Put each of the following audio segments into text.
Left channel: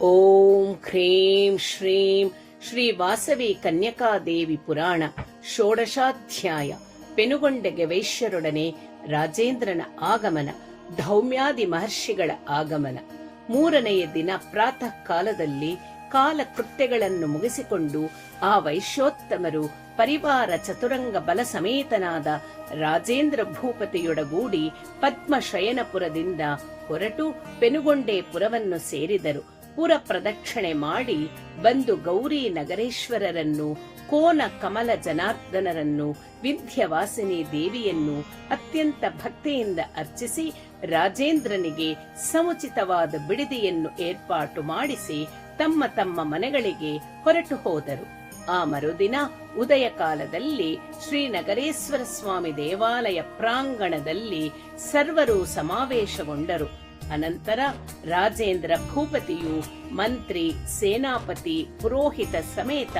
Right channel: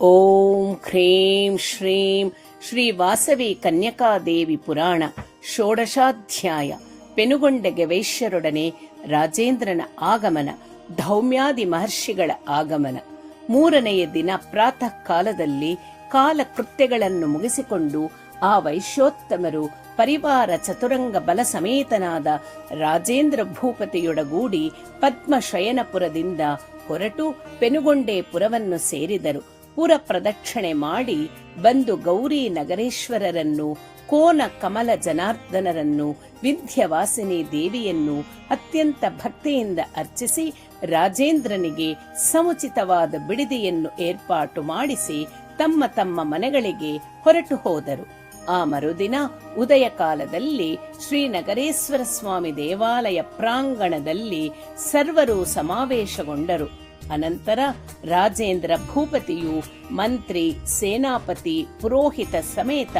ಓಂ ಹ್ರೀಂ ಶ್ರೀಂ ಶ್ರೀ ವಾಸವಿ ಕನ್ಯಕಾದೇವಿ ಪುರಾಣ ಷೋಡಶಾಧ್ಯಾಯ. ಪೆನುಗೊಂಡೆಗೆ ವೈಶ್ಯರೊಡನೆ ರಾಜೇಂದ್ರನ ಆಗಮನ, ಧೌಮ್ಯಾದಿ ಮಹರ್ಷಿಗಳ ಆಗಮನ. ಮೂರನೆಯ ದಿನ ಪ್ರಾತಃ ಕಾಲದಲ್ಲಿ ಕಾಲಕೃತ್ಯಗಳನ್ನು ಮುಗಿಸಿಕೊಂಡು ಆ ವೈಶ್ಯೋತ್ತಮರು ಪರಿವಾರ ಚತುರಂಗ ಬಲ ಸಮೇತನಾದ ರಾಜೇಂದ್ರ ಭೂಪತಿಯೊಡಗೂಡಿ ಪದ್ಮಶಯನಪುರದಿಂದ ಹೊರಟು ಪೆನುಗೊಂಡೆ ಪುರವನ್ನು ಸೇರಿದರು. ಪುರ ಪ್ರದಕ್ಷಿಣೆ ಮಾಡಿ ಬಂದು ಗೌರಿ ನಗರೇಶ್ವರರನ್ನು, ಕೋನ ಕಮಲ ಜನಾರ್ದನರನ್ನು, ವಿಂಧ್ಯವಾಸಿನಿ ದೇವಿಯನ್ನು ಅತ್ಯಂತ ಭಕ್ತಿಯಿಂದ ಅರ್ಚಿಸಿ ರಾಜೇಂದ್ರನಿಗೆ ಸಮುಚಿತವಾದ ಬಿಡದಿಯನ್ನು ಏರ್ಪಾಟು ಮಾಡಿಸಿ ತಮ್ಮ ತಮ್ಮ ಮನೆಗಳಿಗೆ ಹೊರಟು ಹೋದರು. ಆ ಮರುದಿನ ಉದಯ ಕಾಲದಲ್ಲಿ ಶ್ರೀನಗರೇಶ್ವರ ಸ್ವಾಮಿ ದೇವಾಲಯ ಪ್ರಾಂಗಣದಲ್ಲಿ ಸರ್ವರು ಸಮಾವೇಶಗೊಂಡರು. ಅನಂತರ ರಾಜೇಂದ್ರ ಭೂಪತಿಯು ಮಂತ್ರಿ, ಸೇನಾಪತಿ, ಪುರೋಹಿತ ಸಮೇತ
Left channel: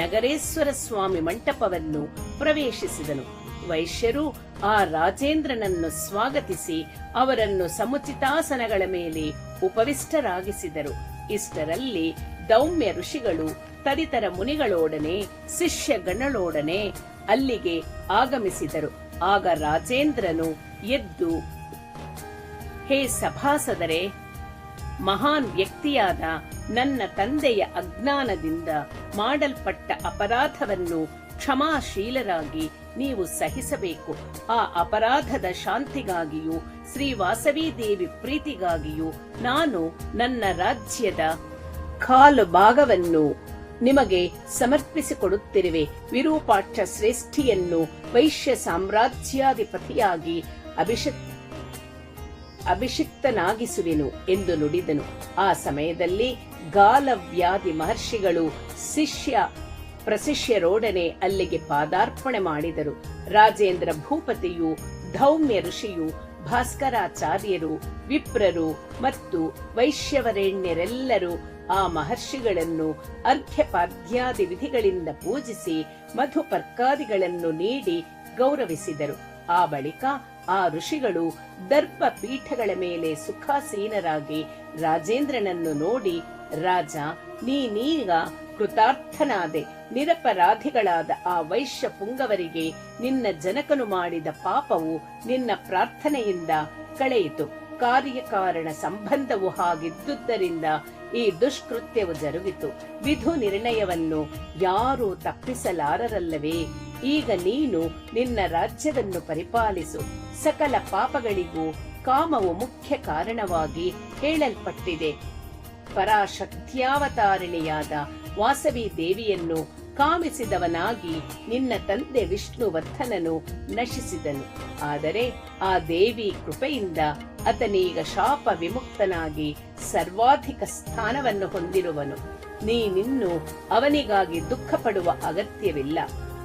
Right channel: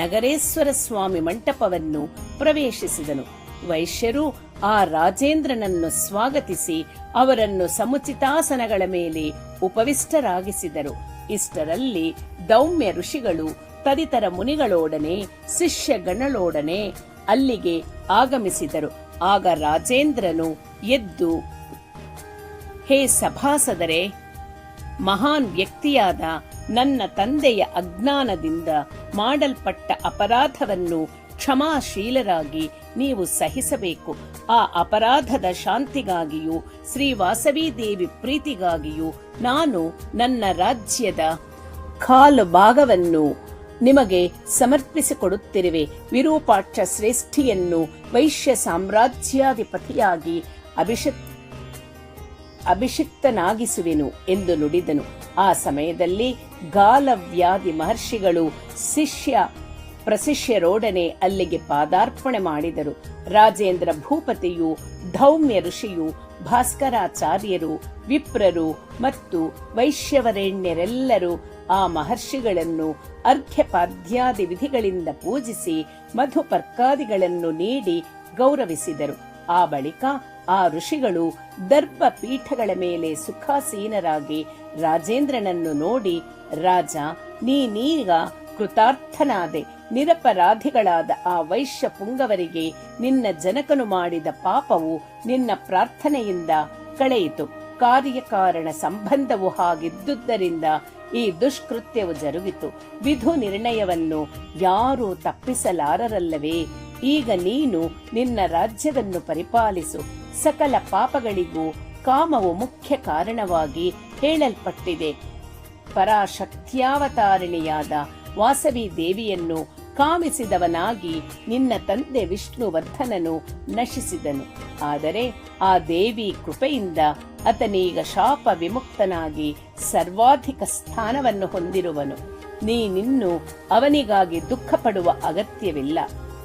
ನಗರೇಶ್ವರ ಸ್ವಾಮಿ ಮಂಟಪವನ್ನು ಪ್ರವೇಶಿಸಿದನು. ವೈಶ್ಯರು ಆ ರಾಜೇಂದ್ರನನ್ನು ಸ್ವಾಗತಿಸಿ ಅವರನ್ನು ಸಮುಚಿತಾಸನಗಳ ಮೇಲೆ ಉಪವಿಷ್ಟರಾಗಿಸಿದರು. ಇಷ್ಟರಲ್ಲಿ ದೌಮ್ಯ ಋಷಿಗಳು ತದಿತರ ಮುನಿಗಳೊಡನೆ ಶಿಷ್ಯಗಣಗಳೊಡನೆ ಅಲ್ಲಿಗೆ ಆಗಮಿಸಿದರು. ಆಗ ರಾಜೇಂದ್ರನು ಎದ್ದು, ಹೇ ಸಭಾಸದರೇ, ಮಹಾನ್ ವ್ಯಕ್ತಿಯಾದ ನನ್ನ ತಂದೆಯ ಅಜ್ಞಾನದಿಂದ ಮಾಡಲ್ಪಟ್ಟ ಅಪರಾಧವನ್ನು ಕ್ಷಮಾಶೀಲರಾಗಿ ನೀವು ಸಹಿಸಬೇಕು. ಆ ಅಪರಾಧದ ಶಾಂತಿಗಾಗಿಯೂ ಶ್ರೀ ವಾಸವಿ ದೇವಿ ಪ್ರೀತಿಗಾಗಿಯೂ ನಾನು ನನ್ನ ರಾಜ್ಯದ ಕಾಲು ಭಾಗವನ್ನು ನಿಮಗೆ ಸಮರ್ಪಿಸಿಕೊಡುತ್ತಿರುವೆ. ವಿರೂಪಾಕ್ಷ ಶ್ರೇಷ್ಠಿಯನ್ನು ವೈಶ್ಯ ಸಾಮ್ರಾಜ್ಯಾಧಿಪತಿಯಾಗಿ ಅಭಿಷಿಕ್ತನಾಗಿಸುವೆನು ಎಂದು ನುಡಿದನು. ಆ ಸಮಯದಲ್ಲಿ ಗಾಲವ್ಯಾದಿ ಮಹರ್ಷಿಗಳು ಪ್ರಶಿಷ್ಯರೊಡನೆ ಅಲ್ಲಿಗೆ ಪಾದಾರ್ಪಣೆ ಮಾಡಿದರು. ರಾಜೇಂದ್ರ ಭೂಪತಿಯು, ಧೌಮ್ಯ ಋಷಿಯು, ಭಾಸ್ಕರಾಚಾರ್ಯರು, ವಿಪ್ರರು ಮತ್ತು ವೈಶ್ಯವರೆಣ್ಯರೆಲ್ಲರೂ ಆ ಮಹರ್ಷಿಗಳನ್ನು ಅರ್ಘ್ಯಪಾದ್ಯಾದಿ ವಿಧಿಗಳಿಂದ ಪೂಜಿಸಿ ಮಧುಪರ್ಕಾದಿಗಳನ್ನು ನೀಡಿ ಗೌರವಿಸಿದರು. ಆ ಬಳಿಕ ಆ ಋಷಿಗಳು ದರ್ಭ ಪೀಠಗಳ ಮೇಲೆ ಸುಖಾಸೀನರಾಗಿ ರಾಜೇಂದ್ರನನ್ನು ನೋಡಿ, ರಾಜ, ನೀನೀಗ ಕೃತಾರ್ಥನಾದೆ. ನಿರಪರಾಧಿಗಳಾದ ಆ ವೈಶ್ಯ ಪುಂಗವರಿಗೆ ನಿನ್ನ ಜನಕನು ಮಾಡಿದ ಪಾಪವು ನಿನ್ನ ಪ್ರಾರ್ಥನೆಯಿಂದ ಕಳೆಯಿತು. ಕಾರ್ಯಕಾರಣ ಸಂಬಂಧವು ಹಾಗಿದ್ದುದರಿಂದ ಈ ದುಷ್ಕೃತ್ಯವು ಜರುಗಿತು. ವಿಧು ನಿರ್ಣಯವನ್ನು ಯಾರೂ ತಪ್ಪಿಸಲಾರರಲ್ಲವೇ? ಈಗ ನೀನು ನಿನ್ನ ರಾಜ್ಯವನ್ನು ಪರಿಪಾಲಿಸು. ಸಕಲ ಪಾಪಗಳಿಗೂ ಕಾಮವು ಮುಖ್ಯ ಕಾರಣವಾಗಿ ಹೇಳಲ್ಪಟ್ಟಿದೆ. ಪರಾಶಕ್ತ್ಯಾವತಾರಿಣಿಯಾದ ವಾಸವಿ ದೇವಿಯನ್ನು ಕಾಮಿಸಿದವನಾಗಿ ನಿನ್ನ ತಂದೆ ವಿಷ್ಣುವರ್ಧನನು ನಶಿಸಿದನು. ಆದರೆ ಆ ದೇವಿ ಕೃಪೆಯಿಂದ ಆತನೀಗ ಶಾಪ ವಿಮುಕ್ತನಾಗಿ ಸರ್ವಾಧಿಕ ಸ್ಥಾನವನ್ನು ಹೊಂದಿರುವನು. ನೀನಿನ್ನು ಅವನಿಗಾಗಿ ದುಃಖ ಪಡುವ ಅಗತ್ಯವಿಲ್ಲ.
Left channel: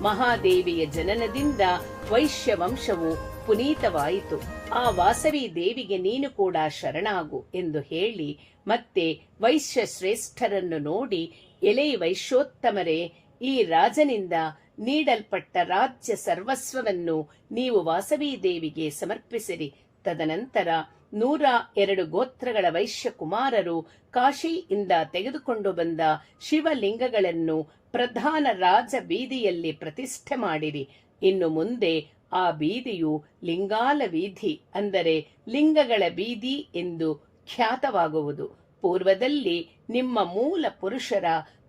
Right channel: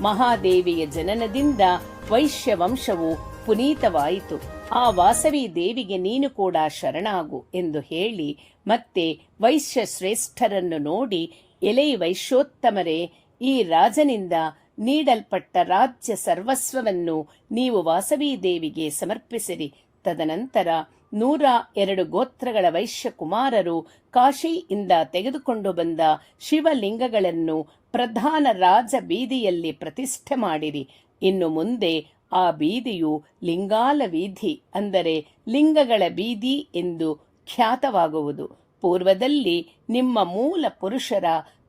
ಮಹಾದೇವಿಯ ಜನನದಿಂದ ವೈಶ್ಯ ವಂಶವು ಪುನೀತವಾಯಿತು. ಆ ವಾಸವಿ ದೇವಿಗೆ ನೀನು ಕೂಡ ಶರಣಾಗು ಎಂದು ಹೇಳಿ ಮತ್ತೆ ವೈಶ್ಯ ಶ್ರೇಷ್ಠರನ್ನು ನೋಡಿ, ಎಲೈ ವೈಶ್ಯೋತ್ತಮರೇ, ಈ ರಾಜನಿಂದ ನೀಡಲ್ಪಟ್ಟ ರಾಜ್ಯ ಸರ್ವಸ್ವವನ್ನು ನೀವು ವಾಸವಿ ದೇವಿಗೆ ಸಮರ್ಪಿಸಿರಿ. ತದನಂತರ 102 ಗೋತ್ರಗಳ ವೈಶ್ಯ ಕುಮಾರರು ಕಾಶಿಯಿಂದ ತೆಗೆದುಕೊಂಡು ಬಂದ ಶಿವಲಿಂಗಗಳನ್ನು ಪ್ರಧಾನ ರಾಜ ಬೀದಿಯಲ್ಲಿ ಪ್ರತಿಷ್ಠೆ ಮಾಡಿರಿ. ಇನ್ನು ಮುಂದೆ ಆ ಬೀದಿಯು ಲಿಂಗಾಲ ವೀಧಿ, ಅಂದರೆ ಲಿಂಗಗಳ ಬೀದಿ ಎಂದು ಖ್ಯಾತವಾಗುವುದು. ಪೂರ್ವದಲ್ಲಿ ನಿಮ್ಮ ಮೂಲ ಪುರುಷರ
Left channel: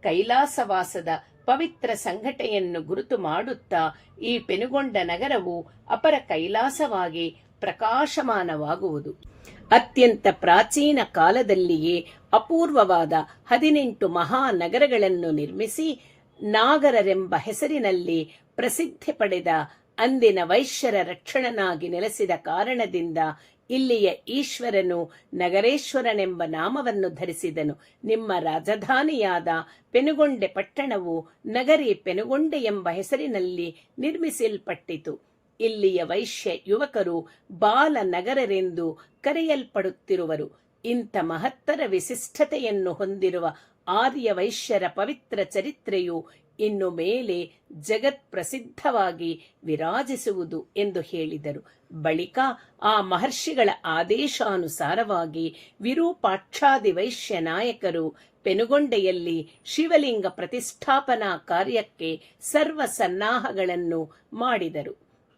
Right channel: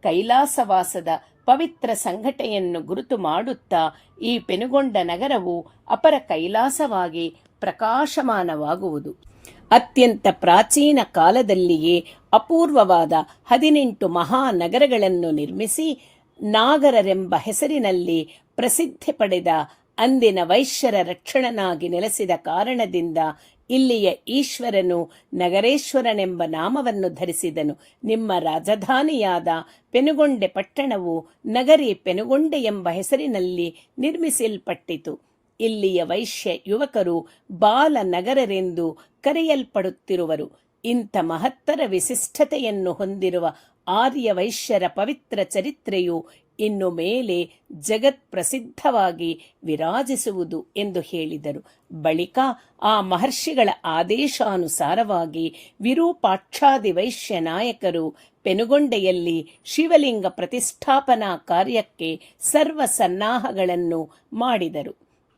ಕೈಲಾಸವಾಸದ ಪವಿತ್ರ ಸಂಘಟನೆಯನ್ನು ಗುರುತು ಮಾಡುತ್ತಾ ಈ ಪೆನುಗೊಂಡ ನಗರವು ಅಪರ ಕೈಲಾಸವಾಗಿ ಪ್ರಕಾಶಮಾನವಾಗುವುದು. ಅತ್ಯಂತ ಪ್ರಾಚೀನ ಕಾಲದಲ್ಲಿಯೇ ಅಪೂರ್ವವಾದ 18 ಮಹಾನಗರಗಳನ್ನು ನಿರ್ಮಿಸಿ ನಾಗರರೆಂಬ ಹೆಸರಿನಲ್ಲಿ ಪ್ರಸಿದ್ಧಿ ಪಡೆದ ಅಂದಿನ ವೈಶ್ಯರ ರಕ್ಷಣನಾಗಿ ನೆಲೆಸಿದ ಕಾರಣದಿಂದ ಇಲ್ಲಿಯ ಈಶ್ವರನು ನಗರೇಶ್ವರನೆಂಬ ನಾಮವನ್ನು ಧರಿಸಿದನು. ನಿಮ್ಮ ರಾಜಧಾನಿಯಾದ ಪೆನುಗೊಂಡೆ ಪಟ್ಟಣವು ನಗರಿ ಪೆನುಗೊಂಡೆ ಎಂಬ ಹೆಸರಿನಲ್ಲಿ ನಿರ್ಮಿಸಲ್ಪಟ್ಟಿತು. ಇಲ್ಲಿಯ ವೈಶ್ಯ ಯುವಕರು ಬಾಲನಗರರೆಂದು ಕರೆಯಲ್ಪಡುತ್ತಿರುವರು. ಇಂಥ ಮಹತ್ತರ ವಿಶಿಷ್ಟತೆಯನ್ನು ಹೊಂದಿರುವ ಆರ್ಯ ವೈಶ್ಯರ ಪವಿತ್ರ ಚರಿತ್ರೆಯು ಇನ್ನು ಮೇಲೆ ಜಗತ್ ಪ್ರಸಿದ್ಧವಾಗಿ ವಿರಾಜಿಸುವುದು ಎಂದು ಹೇಳಿದರು. ಬಳಿಕ ಆ ಮಹರ್ಷಿಗಳ ಆದೇಶಾನುಸಾರವಾಗಿ ವಿರೂಪಾಕ್ಷಾದಿ ವೈಶ್ಯ ನಾಯಕರು ಪೆನುಗೊಂಡೆಯಲ್ಲಿ ಶಿವಲಿಂಗ ಪ್ರತಿಷ್ಠಾಪನಾ ಕಾರ್ಯಕ್ಕೆ ಸರ್ವ ಸನ್ನಾಹಗಳನ್ನು ಮಾಡಿದರು.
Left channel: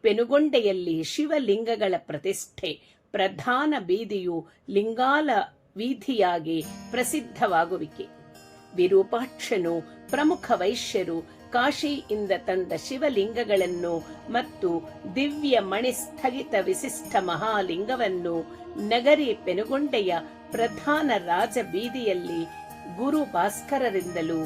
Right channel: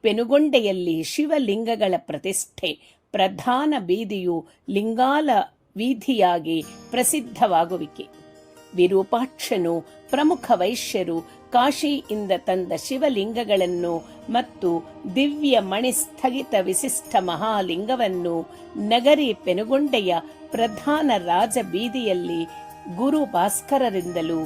ಪೆನುಗೊಂಡೆಯಲ್ಲಿ ಶಿವಲಿಂಗಗಳ ಪ್ರತಿಷ್ಠೆ ಪ್ರಧಾನ ಬೀದಿಯು ಲಿಂಗಾಲ ವೀಧಿಯಾಗಿ ಪ್ರಸಿದ್ಧವಾಗುವಿಕೆ. ವಿರೂಪಾಕ್ಷನು ಪ್ರಮುಖ ವೈಶ್ಯರು ಕಾಶಿಯಿಂದ ತಂದ ಶಿವಲಿಂಗಗಳನ್ನು ಮತ್ತು ದಿವ್ಯ ಮಣಿ ಸ್ಥಗಿತ ವಿಶಿಷ್ಟ ಮಹಾಲಿಂಗವನ್ನು ನಗರಿ ಪೆನುಗೊಂಡೆಯ ಪ್ರಧಾನ ರಾಜ ಬೀದಿಯಲ್ಲಿ ಗುರು ಭಾಸ್ಕರರಿಂದಲೂ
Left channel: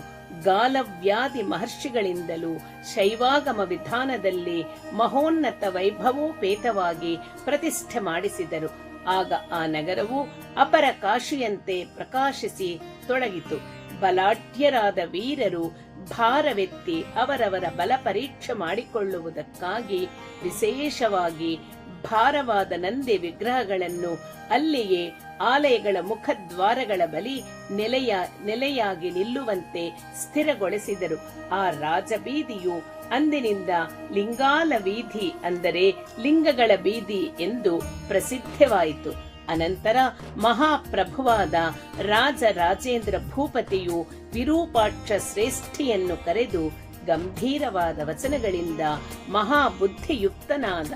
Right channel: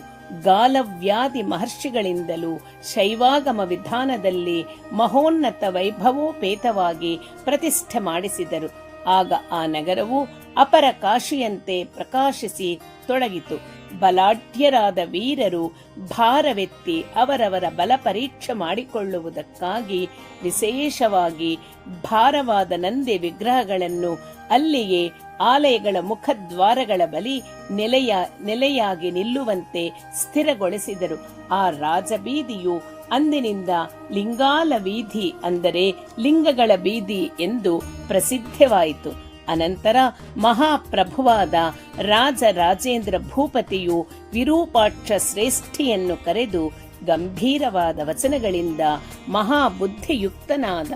ಗಾಲವ್ಯಾದಿ ಮಹರ್ಷಿಗಳಿಂದಲೂ ಶೈವಾಗಮ ವಿಧಾನದಲ್ಲಿ ಮಹೋನ್ನತ ವೈಭವೋಪೇತವಾಗಿ ಪ್ರತಿಷ್ಠೆ ಮಾಡಿಸಿದರು. ಆಗ ಆ ನಗರವು ಅಪರ ಕಾಶಿಯಂತೆ ಪ್ರಕಾಶಿಸಿ ತೊಡಗಿತು. ಬಲಾಢ್ಯರಾದ ವೀರರು ಭಾರವೆತ್ತಿ ಅವರವರ ಬಲ ಪರೀಕ್ಷೆ ಮಾಡಿಕೊಳ್ಳುವುದಕ್ಕಾಗಿ ವಿಶೇಷವಾಗಿ ಭಾರವಾದ ನಂದಿ ವಿಗ್ರಹಗಳನ್ನು ಅಲ್ಲಿಯೇ ಆಲಯಗಳ ಮುಖದ್ವಾರಗಳ ಬಳಿ ನೆಲೆಯಾಗಿ ನಿಲ್ಲುವಂತೆ ಸ್ಥಿರಗೊಳಿಸಿದರು. ಆ ರಾಜಬೀದಿಯು ಅಂದಿನಿಂದ ಲಿಂಗಾಲ ವೀಧಿ, ಅಂದರೆ ಲಿಂಗಗಳ ಬೀದಿ ಎಂದು ಪ್ರಸಿದ್ಧವಾಯಿತು. ಅನಂತರ ಮಹಾಪ್ರಭುವಾದ ರಾಜರಾಜೇಂದ್ರ ಭೂಪತಿಯು ವಿರೂಪಾಕ್ಷ ಶ್ರೇಷ್ಠಿಯನ್ನು ಕರೆದು ಗಂಭೀರವಾದ ವಚನಗಳಿಂದ ಮಹಾಬುದ್ಧಿಯುಕ್ತನಾದ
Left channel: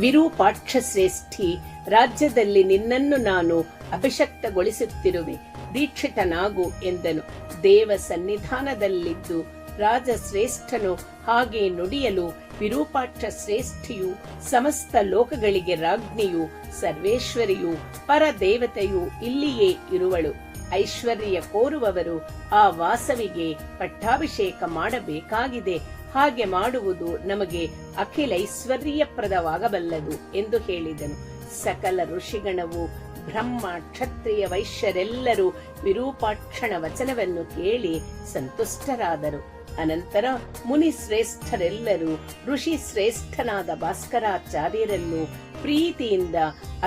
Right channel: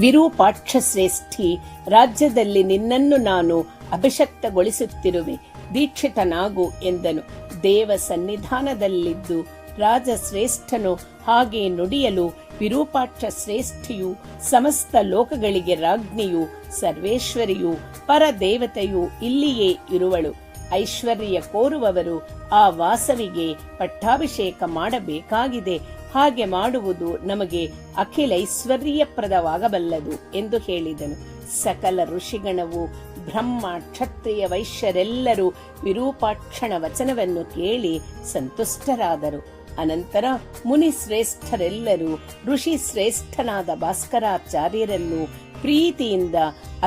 ವಿರೂಪಾಕ್ಷ ಶ್ರೇಷ್ಠಿ, ರಾಜ್ಯದಲ್ಲಿ ನಿನ್ನನ್ನು ನಾನು ಅಭಿಷಕ್ತಗೊಳಿಸುತ್ತಿರುವೆ, ದೀಕ್ಷಿತನಾಗು ಎಂದನು. ದೇವ ಸನ್ನಿಧಾನದಲ್ಲಿದ್ದು ರಾಜಶ್ರೇಷ್ಠನು ಹಾಗೆ ನುಡಿಯಲು ವಿರೂಪಾಕ್ಷ ಶ್ರೇಷ್ಠಿಯು ಸಮಸ್ತ ಲೋಕಗಳಿಗೆ ರಾಜ್ಞಿಯು, ಸರ್ವೇಶ್ವರಿಯು, ಪರದೇವತೆಯು ಇಲ್ಲಿಯೇ ಇರುವಳು. ಐಶ್ವರ್ಯ ಕೋರುವವರು ಆ ವಾಸವಿಗೆ ಪಟ್ಟಾಭಿಷೇಕ ಮಾಡಬೇಕಾಗಿದೆ. ಹಾಗೆ ಮಾಡುವುದು ನಮಗೆ ಅಖಿಲೈಶ್ವರ್ಯಪ್ರದವಾಗಬಲ್ಲದು ಎಂದು ಹೇಳಿದನು. ಸಕಲ ಋಷಿಗಣವು, ಬ್ರಹ್ಮ, ಕ್ಷತ್ರಿಯ, ವೈಶ್ಯರೆಲ್ಲರೂ ವಿರೂಪಾಕ್ಷಣ ವಚನವನ್ನು ಕೇಳಿ ಸಂತುಷ್ಟರಾದರು. ಅನಂತರ ಮುನಿ ಶ್ರೇಷ್ಠರೆಲ್ಲರೂ ಋಷಿ ಶ್ರೇಷ್ಠನಾದ ಭಾಸ್ಕರಾಚಾರ್ಯರನ್ನು ಪ್ರೀತಿಯಿಂದ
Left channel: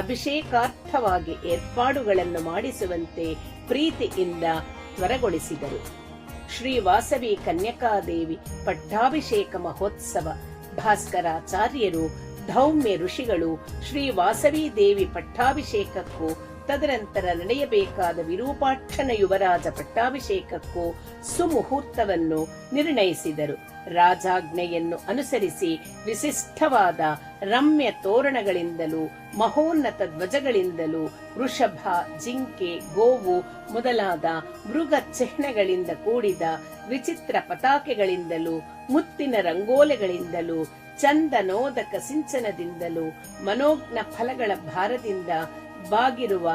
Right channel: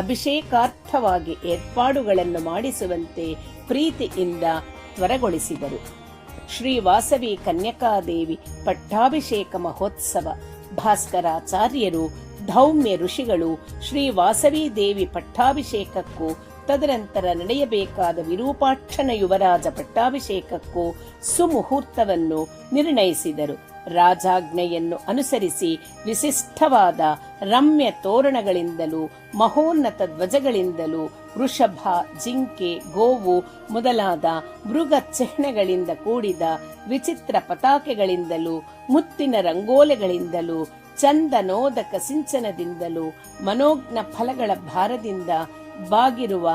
ಅಭಿಷೇಕಾರ್ಥವಾಗಿ ಏರ್ಪಾಡುಗಳನ್ನು ಮಾಡಿಸುವಂತೆ ಪ್ರೀತಿಯಿಂದ ತ್ವರಗೊಳಿಸಿದರು. ಶ್ರೀ ವಾಸವಿ ಕನ್ಯಕಾದೇವಿ ಪಟ್ಟಾಭಿಷೇಕ ಮಹೋತ್ಸವ. ಭಾಸ್ಕರಾಚಾರ್ಯರು, ಧೌಮ್ಯ ಋಷಿಗಳು ಶ್ರೀ ವಾಸವಿ ದೇವಿ ಪಟ್ಟಾಭಿಷೇಕಕ್ಕೂ ತದನಂತರ ನಡೆಯಬೇಕಾದ ವಿರೂಪಾಕ್ಷನ ಯುವರಾಜ ಪಟ್ಟಾಭಿಷೇಕಕ್ಕೂ ಸುಮುಹೂರ್ತವನ್ನು ನಿರ್ಣಯಿಸಿದರು. ರಾಜಾಜ್ಞೆಯನ್ನು ಅನುಸರಿಸಿ ವಿಶಿಷ್ಟವಾದ ರಮ್ಯ ತೋರಣಗಳಿಂದಲೂ ಮಹೋನ್ನತ ಧ್ವಜಗಳಿಂದಲೂ ವೃಷಭ, ಜಿಂಕೆ, ಗೋವು ಮೊದಲಾದ ಮೃಗ ಚಿಹ್ನೆಗಳಿಂದ ಕೂಡಿದ ವಿಚಿತ್ರ ಪತಾಕೆಗಳಿಂದಲೂ ಮುತ್ತಿನ ರಂಗೋಲೆಗಳಿಂದಲೂ ಚಂದನೋದಕ ಸಿಂಚನದಿಂದಲೂ ಮನೋಜ್ಞ ಫಲಗಳ ಭಾರದಿಂದ ಬಾಗಿರುವ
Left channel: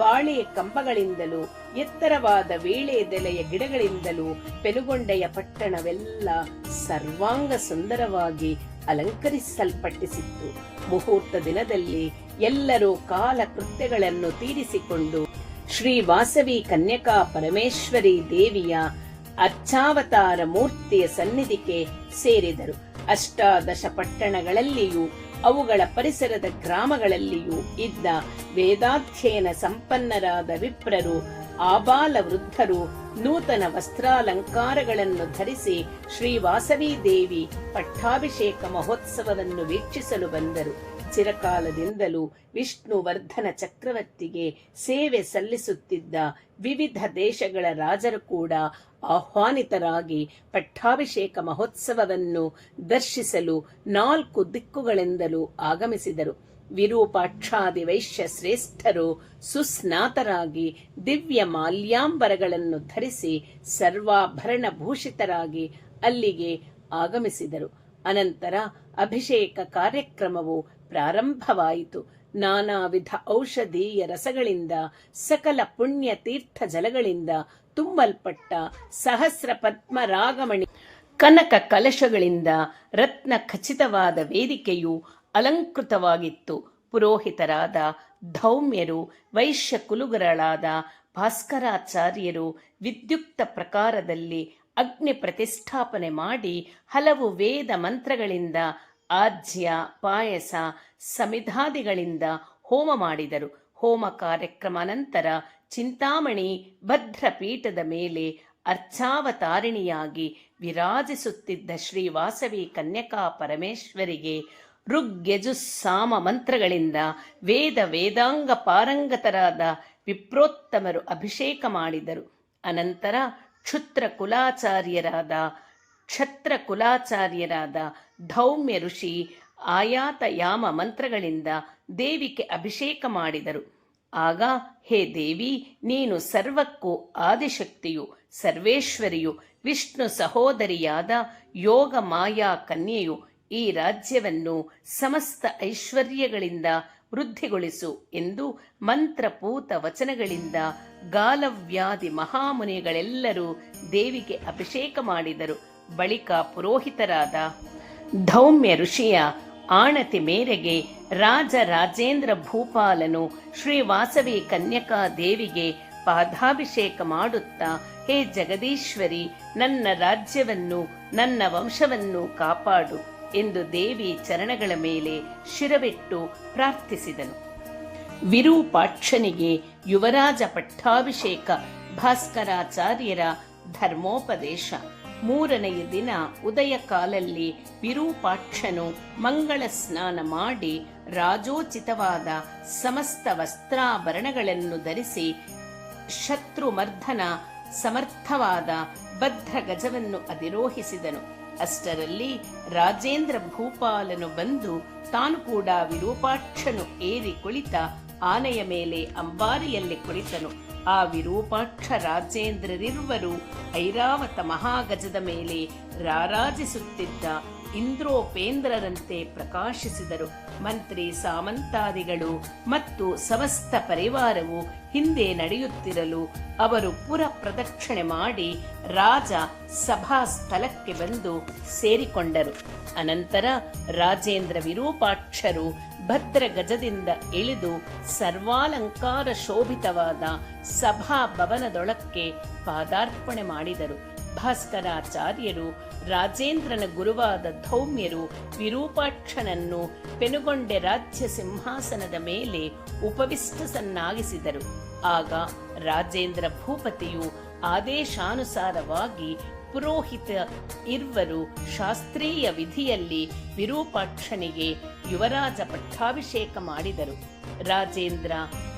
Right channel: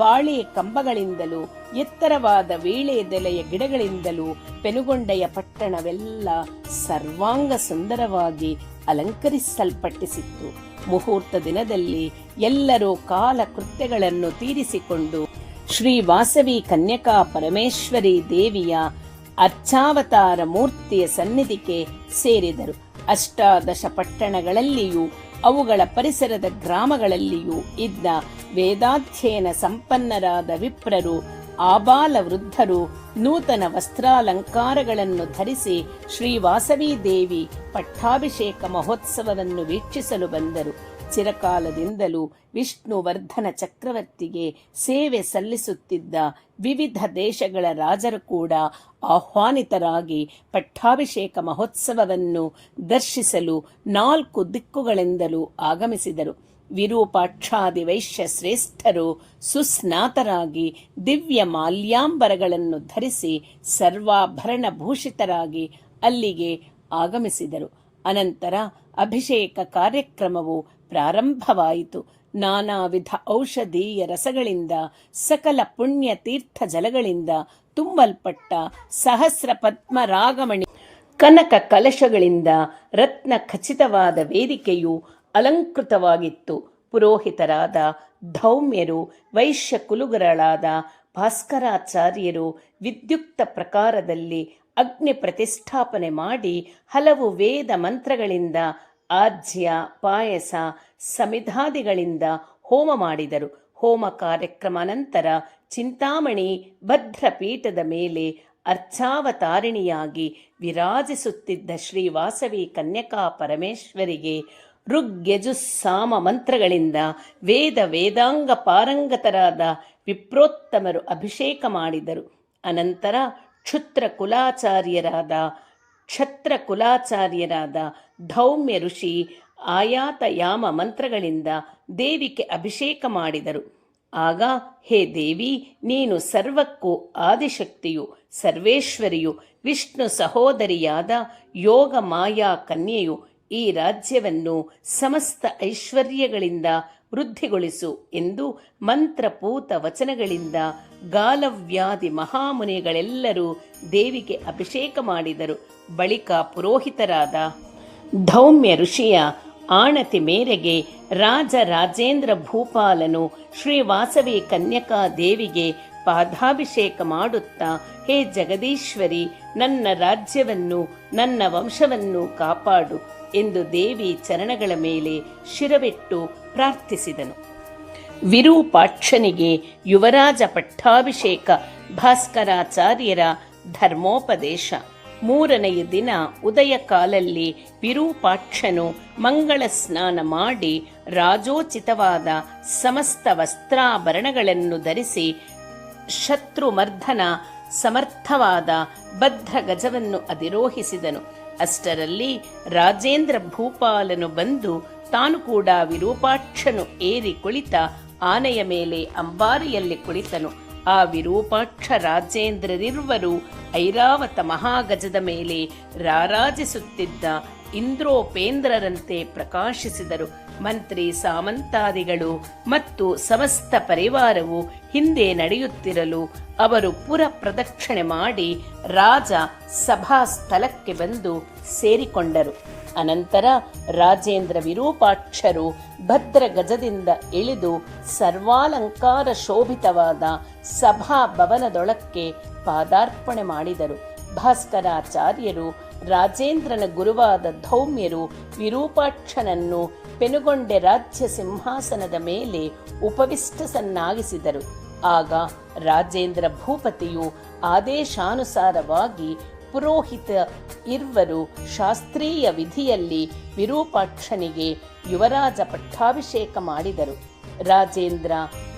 ಬಾಳೆ ಕಂಬಗಳಿಂದಲೂ ಎತ್ತರವಾದ ವೀಳೆದೆಲೆಯ ಗಿಡಗಳಿಂದಲೂ ಪೆನುಗೊಂಡೆಯ ಪಟ್ಟಣವೆಲ್ಲ ಸರ್ವಾಂಗ ಸುಂದರವಾಗಿ ಅಲಂಕರಿಸಲ್ಪಟ್ಟಿಸಿತ್ತು. ಮುಹೂರ್ತ ದಿನದಲ್ಲಿ ಎಲ್ಲರೂ ಕಾಲ ಕೃತ್ಯಗಳನ್ನು ತೀರಿಸಿಕೊಂಡು ಶ್ರೀ ವಾಸವಿ ಕನ್ಯಕಾ ಪರಮೇಶ್ವರಿ ದೇವಿಯ ಅರ್ಚಾವತಾರ ಮೂರ್ತಿಯ ಸನ್ನಿಧಿಗೆ ಸೇರಿದರು. ಅಷ್ಟಾದಶ ಪಟ್ಟಣಗಳಲ್ಲಿಯೂ ಅವುಗಳ ಪರಿಸರದ ಗ್ರಾಮಗಳಲ್ಲಿಯೂ ಇದ್ದ ವೇದಾಧ್ಯಯನ ಸಂಪನ್ನರಾದ ವಿಪ್ರರು, ಆಬಾಲ ವೃದ್ಧರು ನೂತನ ವಸ್ತ್ರಾಲಂಕಾರಗಳನ್ನು ಧರಿಸಿ ಶ್ರೀ ವಾಸವಿ ದೇವಿ ಪಟ್ಟಾಭಿಷೇಕ ಮಹೋತ್ಸವವನ್ನು ವೀಕ್ಷಿಸಲು ಬಂದರು. ಚಿರಕಾಲದಿಂದಲೂ ವಿಷ್ಣುವರ್ಧನ ಚಕ್ರವರ್ತಿಗೆ ಸೇವೆ ಸಲ್ಲಿಸುತ್ತಿದ್ದ ವಿವಿಧ ದೇಶಗಳ ರಾಜರು ಕೂಡ ಆಹ್ವಾನಿತರಾಗಿ ಪಟ್ಟಾಭಿಷೇಕ ಮಹೋತ್ಸವವನ್ನು ದರ್ಶಿಸಲು 4 ದಿಕ್ಕುಗಳಿಂದಲೂ ಆಗಮಿಸಿದರು. ವಿರೂಪಾಕ್ಷಾದಿ ವೈಶ್ಯ ಶ್ರೇಷ್ಠರು ಸುಸ್ನಾತರಾಗಿ ದಿವ್ಯ ಮಾಲ್ಯಾಂಬರಗಳನ್ನು ಧರಿಸಿ ಸರ್ವಾಭರಣ ಭೂಷಿತರಾಗಿ ಅಲ್ಲಿಗೆ ಆಗಮಿಸಿದರು. ಅನಂತರ ಅಭಿಷೇಕ ಕಾರ್ಯಕ್ರಮವು ಪ್ರಾರಂಭವಾಯಿತು. ನಾನಾ ವಿಧ ಔಷಧೀಯ ರಸಗಳಿಂದ ಸಕಲ ಪುಣ್ಯ ತೀರ್ಥ ಜಲಗಳಿಂದ ತುಂಬಲ್ಪಟ್ಟ ಸಹಸ್ರ ಪದ್ಮರಾಗಮಣಿ ಕನಕ ಕಲಶಗಳಿಂದ ರತ್ನ ಖಚಿತವಾದ ವೇದಿಕೆಯು ಅಲಂಕೃತವಾಗಿತ್ತು. ಪುರೋಹಿತರಾದ ಧೌಮ್ಯರು, ವೈಶ್ಯ ಕುಲುಗರಳಾದ ಭಾಸ್ಕರಾಚಾರ್ಯರು ವಿದ್ಯುಕ್ತ ಪ್ರಕಾರದಲ್ಲಿ ಅಗ್ನಿ ಪ್ರತಿಷ್ಠಾಪನೆ ಮಾಡಿ ಹಲವು ವೇದ ಮಂತ್ರಗಳಿಂದ ಆಜ್ಯ, ಪಾಯಸ, ಸಮಿಧಾದಿಗಳಿಂದ ಹೋಮ ಮಾಡಿದರು. ಹೋಮ ಕಾರ್ಯಕ್ರಮ ನಂತರ ಚಿಂತಾಮಣಿ ಭದ್ರಪೀಠದ ಮೇಲೆ ಅರ್ಚಾವತಾರಿಣಿಯಾಗಿ ವಿರಾಜಿಸುತ್ತಿದ್ದ ಶ್ರೀ ವಾಸವಿ ಕನ್ಯಕಾ ಪರಮೇಶ್ವರಿಗೆ ಋಗ್ಯಜುಸ್ಸಾಮ ಮಂತ್ರಗಳಿಂದ ವೇದಾಂಗ ಪಾರಂಗತರಾದ ವಿಪ್ರೋತ್ತಮರು ಅಭಿಷೇಕ ಮಾಡಿದರು. ಅನಂತರ ಕ್ಷತ್ರ ಕುಲಾಚಾರ್ಯರಾದ ಧೌಮ್ಯ ಋಷಿ ಆಯಾತಯಾಮ ಮಂತ್ರಗಳಿಂದ ದೇವಿಗೆ ಅಭಿಷೇಕ ಮಾಡಿದರು. ಆಗ, ಹೇ ದೇವಿ, ನೀನು ಸರ್ವಕ್ಕೂ ಆದಿಶಕ್ತಿಯು, ಸರ್ವೇಶ್ವರಿಯು, ವಿಷ್ಣು ಸಹೋದರಿಯಾದ ಯೋಗ ಮಾಯಾ ಕನ್ಯೆಯು, ಈ ರಾಜ್ಯವನ್ನು ಸಮಸ್ತ ಐಶ್ವರ್ಯಗಳಿಂದ ವೃದ್ಧಿಗೊಳಿಸು ಎಂದು ಮಂತ್ರಪೂತ ವಚನಗಳಿಂದ ಗಾಲವ್ಯಾದಿ ಮಹಾಮುನಿಗಳೆಲ್ಲರೂ ದೇವಿಗೆ ಅಭಿಷೇಕ ಮಾಡಿದರು. ಬಳಿಕ ಪುರೋಹಿತರಾದ ಧೌಮ್ಯ ಋಷಿಯ ಆಣತಿ ಮೇರೆಗೆ ರಾಜೇಂದ್ರ ಭೂಪಾಲನು ಶ್ರೀ ವಾಸವಿ ಕನ್ಯಕಾ ದೇವಿಗೆ ಪಾದಾಭಿಷೇಕ ಮಾಡುತ್ತಾ, ಹೇ ಜಗದೀಶ್ವರಿ, ನನ್ನ ರಾಜ್ಯವನ್ನು ನನ್ನ ವಂಶವನ್ನು ಕಾಪಾಡು ಎಂದು ದೇವಿ ಚರಣಗಳ ಮೇಲೆ ಶಿರವಿಟ್ಟು ಪ್ರಾರ್ಥಿಸಿದನು. ವಿರೂಪಾಕ್ಷನಿಗೆ ಯುವರಾಜ ಪಟ್ಟಾಭಿಷೇಕ ಭಾಸ್ಕರಾಚಾರ್ಯರ ಧರ್ಮೋಪದೇಶ. 3ನೆಯ ದಿನ ಉದಯ ಕಾಲಲ್ಲಿ ವಿರೂಪಾಕ್ಷನು ಮಂಗಳ ಸ್ನಾನ ಮಾಡಿ ರಾಜೋಚಿತವಾದ ಸಮಸ್ತ ವಸ್ತ್ರಾಭರಣಗಳನ್ನು ಧರಿಸಿ ಶತ್ರುಮರ್ಧನ ಸಮರ್ಥವಾದ ಬದ್ಧ ಗಜವನ್ನು ಅಧಿರೋಹಿಸಿದನು. ಅಷ್ಟರಲ್ಲಿ ರಾಜೇಂದ್ರ ಭೂಪಾಲನು ಬಂದು ತಾನು ಕೂಡ ವಿರೂಪಾಕ್ಷನು ಏರಿ ಕುಳಿತ ಆನೆಯ ಮೇಲೆ ಅಂಬಾರಿಯಲ್ಲಿ ಕುಳಿತನು. ಆ ವಿರೂಪಾಕ್ಷ ರಾಜೇಂದ್ರರಿರುವರು ಐರಾವತ ಮಹಾಗಜದ ಮೇಲೆ ರಾರಾಜಿಸುತ್ತಿದ್ದ ಇಂದ್ರೋಪೇಂದ್ರರಂತೆ ಪ್ರಕಾಶಿಸಿದರು. ಮಂತ್ರಿ ಸಾಮಂತಾದಿಗಳು ಮತ್ತು ಸಮಸ್ತ ಪರಿವಾರವು ಹಿಂದೆ ನಡೆಯುತ್ತಿರಲು ಅವರು ಪುರ ಪ್ರದಕ್ಷಿಣೆ ಮಾಡಿ ರಾಜ ಸಭಾ ಸ್ಥಳಕ್ಕೆ ಬಂದು ಸೇರಿಕೊಂಡರು. ಅನಂತರ ರಾಜೇಂದ್ರ ವಿರೂಪಾಕ್ಷರು ಭದ್ರ ಗಜದಿಂದ ಇಳಿದು ಸರ್ವಾಲಂಕಾರ ಶೋಭಿತವಾದ ಸಭಾಭವನದೊಳಕ್ಕೆ ಪಾದಾರ್ಪಣೆ ಮಾಡಿದರು. ಭಾಸ್ಕರಾಚಾರ್ಯರು, ರಾಜೇಂದ್ರನ ಗುರುವಾದ ಧೌಮ್ಯರು ವಿರೂಪಾಕ್ಷನನ್ನು ಪೆನುಗೊಂಡೆ ರಾಜ್ಯ ಸಿಂಹಾಸನದ ಮೇಲೆ ಉಪವಿಷ್ಟಸನ್ನಾಗಿಸಿದರು. ಆಗ ರಾಜೇಂದ್ರ ಭೂಪತಿಯು ಆದೇಶಾನುಸಾರವಾಗಿ ಪುರೋಹಿತ ಇರ್ವರು ಶಾಸ್ತ್ರೀಯ ವಿಧಿಯಲ್ಲಿ ವಿರೂಪಾಕ್ಷನಿಗೆ ಯುವರಾಜ ಪಟ್ಟಾಭಿಷೇಕ ಮಾಡಿದರು. ರಾಜೇಂದ್ರ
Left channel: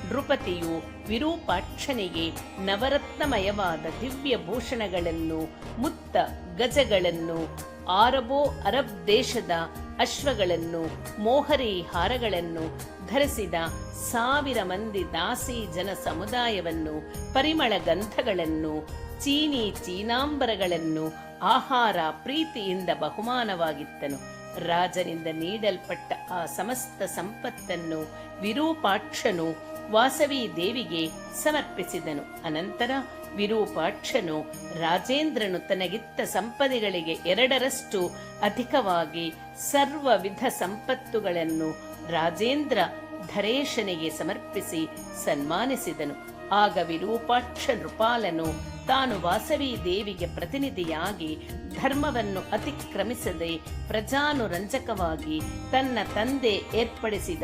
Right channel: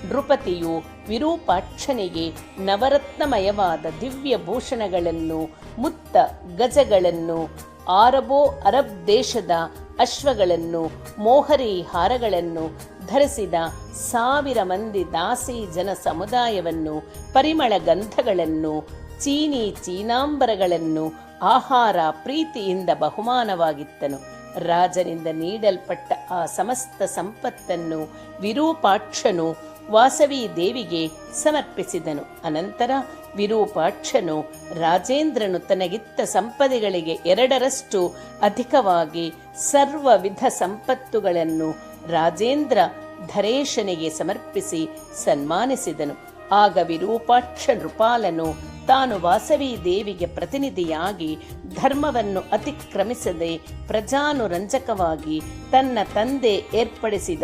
ನೃಪತಿಯು ವಿರೂಪಾಕ್ಷನಿಗೆ ನವರತ್ನಮಯವಾದ ದಿವ್ಯ ಭೂಷಣಗಳನ್ನು, ಮುತ್ತ ಗಜಗಳನ್ನು, ಅರಬ್ ದೇಶದ ಅಶ್ವಗಳನ್ನು, ಮೋಹರಿ ಹಾರಗಳನ್ನು ಧರಿಸಿದ 1000 ಮಂದಿ ದಾಸಿ ಜನ ಸಮುದಾಯವನ್ನು, ಪರಿಮಳ ಗಂಧಗಳನ್ನು, ಚೀನಾಂಬರಗಳನ್ನು ಆಹಾರ ಪ್ರೀತಿಯಿಂದ ಬಹುಮಾನವಾಗಿತ್ತನು. ರಾಜನಿಂದ ನೀಡಲ್ಪಟ್ಟ ಆ ಸಮಸ್ತ ಸಂಪತ್ತನ್ನು ವಿರೂಪಾಕ್ಷನು ವಾಸವಿ ದೇವಿಗೆ ಸಮರ್ಪಿಸಿದನು. ಅನಂತರ ವಿರೂಪಾಕ್ಷನು ರಾಜೇಂದ್ರನು ತನಗಿತ್ತ ಸಂಪದೆಗಳಿಗೆ 2ರಷ್ಟು ಅಧಿಕವಾಗಿ ಸರ್ವವಿಧ ಸಂಪತ್ತುಗಳನ್ನು ರಾಜೇಂದ್ರ ಧರೇಶನಿಗೆ ಸಮರ್ಪಿಸಿ ಸನ್ಮಾನಿಸಿದನು. ಆಗ ವಿರೂಪಾಕ್ಷ ನೃಪಾಲನು ತಾನು ವಾಸವಿ ದೇವಿಗೆ ಪ್ರತಿನಿಧಿಯಾಗಿ ಧರ್ಮವನ್ನು ಅತಿಕ್ರಮಿಸದೆ ಪ್ರಜಾನುರಂಜಕವಾಗಿ ತನ್ನ ತಂದೆ ಏರ್ಪಡಿಸಿದ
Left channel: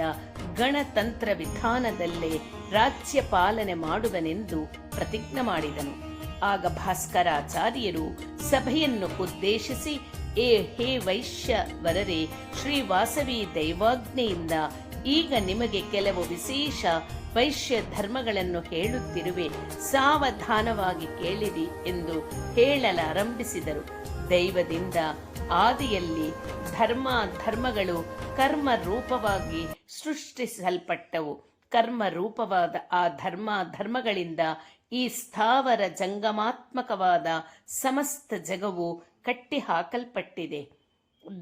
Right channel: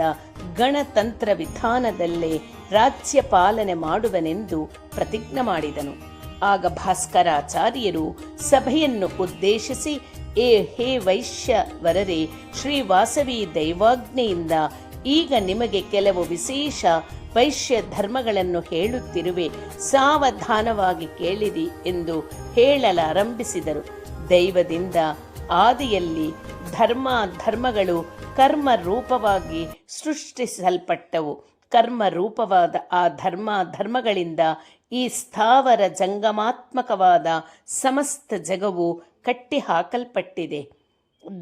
ಗಣತಂತ್ರ ವಿಧಾನದಲ್ಲೇ ರಾಜ್ಯ ಪಾಲನೆ ಮಾಡುವನೆಂದು ಪ್ರತಿಜ್ಞೆ ಮಾಡಿದನು. ಆಗ ಭಾಸ್ಕರಾಚಾರ್ಯರು ಸಭೆಯನ್ನು ಉದ್ದೇಶಿಸಿ, ಹೇ ವೈಶ್ಯವರರೇ, ಶ್ರೀ ವಾಸವಿ ದೈವಾಜ್ಞೆಯಿಂದ ಈಗ ನಿಮಗೆ ಕೆಲವು ವಿಶೇಷ ವೈಶ್ಯ ಧರ್ಮಗಳನ್ನು ಹೇಳುತ್ತಿರುವೆ, ಸಾವಧಾನವಾಗಿ ಕೇಳಿರಿ ಎಂದು ಹೇಳಲಾರಂಭಿಸಿದರು. ದೈವದಿಂದ ಆದಿಯಲ್ಲಿ ಧರ್ಮಗಳು ಕರ್ಮ ರೂಪವಾಗಿ ಸೃಷ್ಟಿಸಲ್ಪಟ್ಟವು. ಕರ್ಮ ರೂಪವಾದ ಆ ಧರ್ಮಗಳಿಂದ ಈ ಸ್ಥಾವರ ಜಂಗಮಾತ್ಮಕವಾದ ಸಮಸ್ತ ಜಗವು ಕಟ್ಟಿ ಹಾಕಲ್ಪಟ್ಟಿದೆ.